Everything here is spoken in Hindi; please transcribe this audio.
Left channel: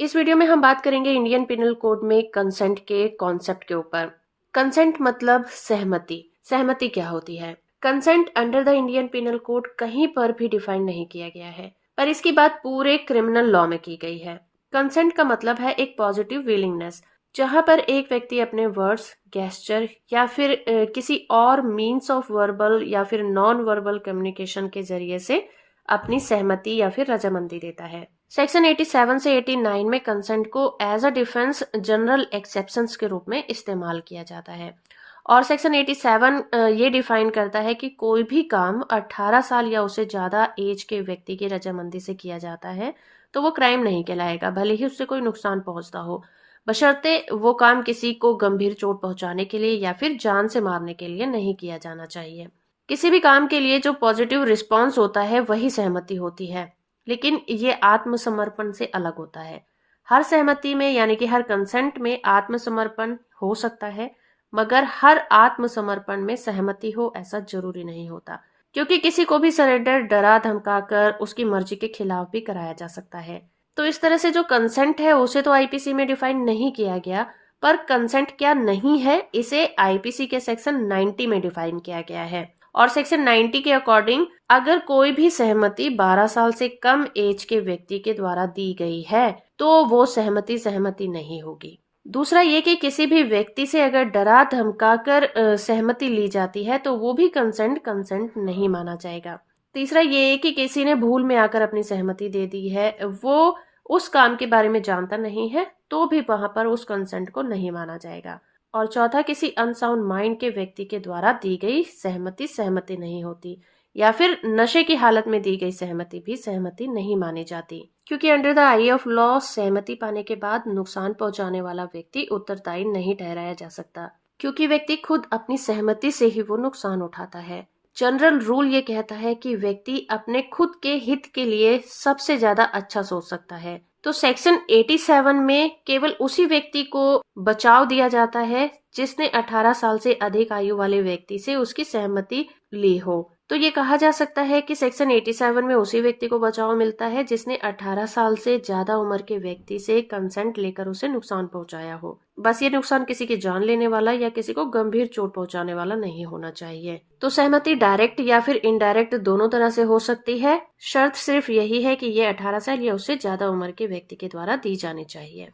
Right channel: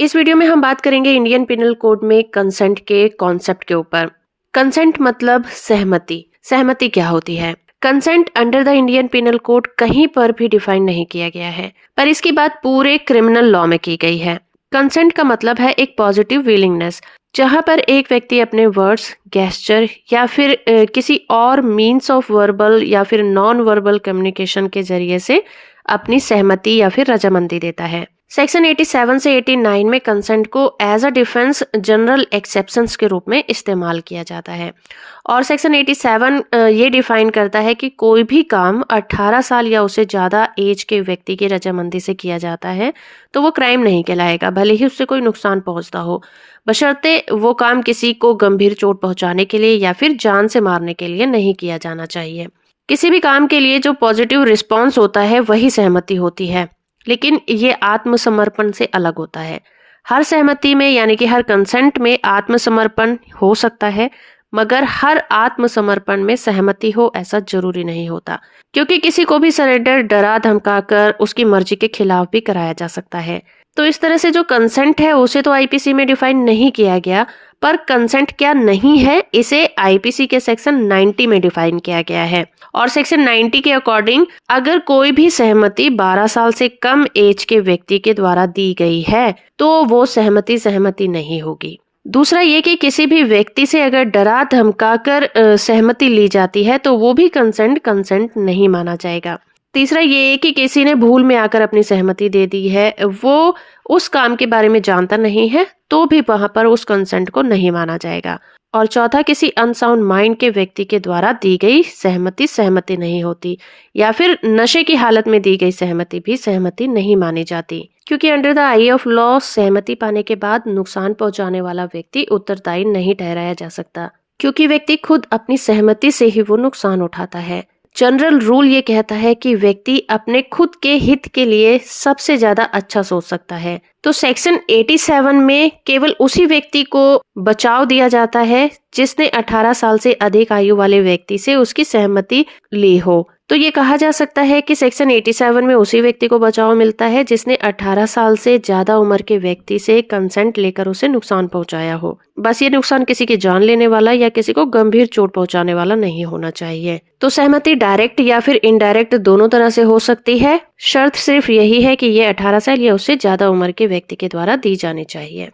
इस वीडियो में हम बात करेंगे इंडियन पिनल कोड में कंसेंट के कॉन्सेप्ट के ऊपर। कंसेंट मतलब सहमति। सहमति क्या होती है? Consent under the Indian penal code कहीं पर भी डिफाइन नहीं किया गया है, पर इसकी बात पूरे क्रिमिनल लॉ में की गई है। कंसेंट का मतलब है एक पॉजिटिव विलिंगनेस, जहां पर एक व्यक्ति अपने वर्ड्स, गेस्चर या फिर किसी और मीन्स ऑफ वर्बल या फिर नॉन वर्बल कम्युनिकेशन के जरिए से अपनी सहमति या फिर रजामंदी देता है। सेक्शन 87 से 89 में कंसेंट को as a defence general exceptions के रूप में इस्तेमाल किया जाता है। और सेक्शन 87 ये डिफाइन करता है कि कोई भी काम 18 साल या उससे ज़्यादा एज के व्यक्ति की रजामंदी से किया जाता है तो वो क्राइम नहीं कहलाएगा, भले ही उससे कोई नुकसान पहुंचता हो, बशर्ते वो काम किसी को गंभीर चोट पहुंचाने के लिए या फिर जान से मारने के लिए नहीं किया जाना चाहिए। किसी भी काम के लिए जो पॉजिटिव रिस्पॉन्स होता है वही सहमति होती है, लेकिन ये आत्मसमर्पण से अलग होता है। हर सहमति में यानी कि हर कंसेंट में आत्मसमर्पण हो सकता है, मगर हर आत्मसमर्पण में सहमति हो ऐसा जरूरी नहीं होता, क्योंकि किसी को भी सरेंडर डरा धमकाकर उसकी मर्जी के खिलाफ भी कराया जा सकता है। तो इस तरह से जो कंसेंट है उसे तो आईपीसी में डिफाइन नहीं किया गया, पर कंसेंट क्या नहीं है इसे आईपीसी के सेक्शन 90 में डिफाइन किया गया है। और सेक्शन 90 के अकॉर्डिंग अगर कोई भी सहमति 12 साल से कम एज के व्यक्ति के द्वारा दी गई है तो वो सहमति सहमति नहीं होगी। दूसरा ये कि किसी भी व्यक्ति से अगर डरा धमकाकर सहमति ली जाती है तो वो भी कंसेंट कंसेंट नहीं माना जाएगा। तीसरा ये है कि किसी ने भूल में आकर अपनी सहमति दे दी है, वो उस काम के बारे में जानता नहीं है, तो भी वहां पर उस कंसेंट को नहीं माना जाएगा। और चौथा, किसी अनसाउंड माइंड के व्यक्ति के द्वारा दी गई सहमति सहमति नहीं होती, या फिर नशे की हालत में दी गई सहमति भी सहमति नहीं मानी जाती, क्योंकि under the I of law सहमति पाने के बाद नुकसान पहुंचाने वाला व्यक्ति उत्तरदायी नहीं ठहराया जा सकता, क्योंकि व्यक्ति खुद अपनी सहमति से ही वो नुकसान उठाता है। जनरल रूल ये कहता है कि व्यक्ति अपने खुद के हित के लिए सबसे ज्यादा अच्छा सोच सकता है। तो सेक्शन 87 में केवल उसी व्यक्ति को बचाव दिया जाता है जिसने 18 साल से अधिक आयु वाले व्यक्ति से उसकी सहमति ली हो। तो ये कहा जा सकता है कि सेक्शन 87 में उसी व्यक्ति को बचाव मिलता है जिसने 18 साल से ज्यादा उम्र के व्यक्ति से कंसेंट लेकर उसे नुकसान पहुंचाया हो। बस ये नुकसान किसी की जान लेने वाला या किसी को गंभीर चोट पहुंचाने वाला नहीं होना चाहिए। तो सहमति डायरेक्ट या फिर इनडायरेक्ट दोनों तरह से हो सकती है। शर्त सिर्फ यही है कि ये 18 साल या उससे ज्यादा उम्र के व्यक्ति के द्वारा दी जानी चाहिए।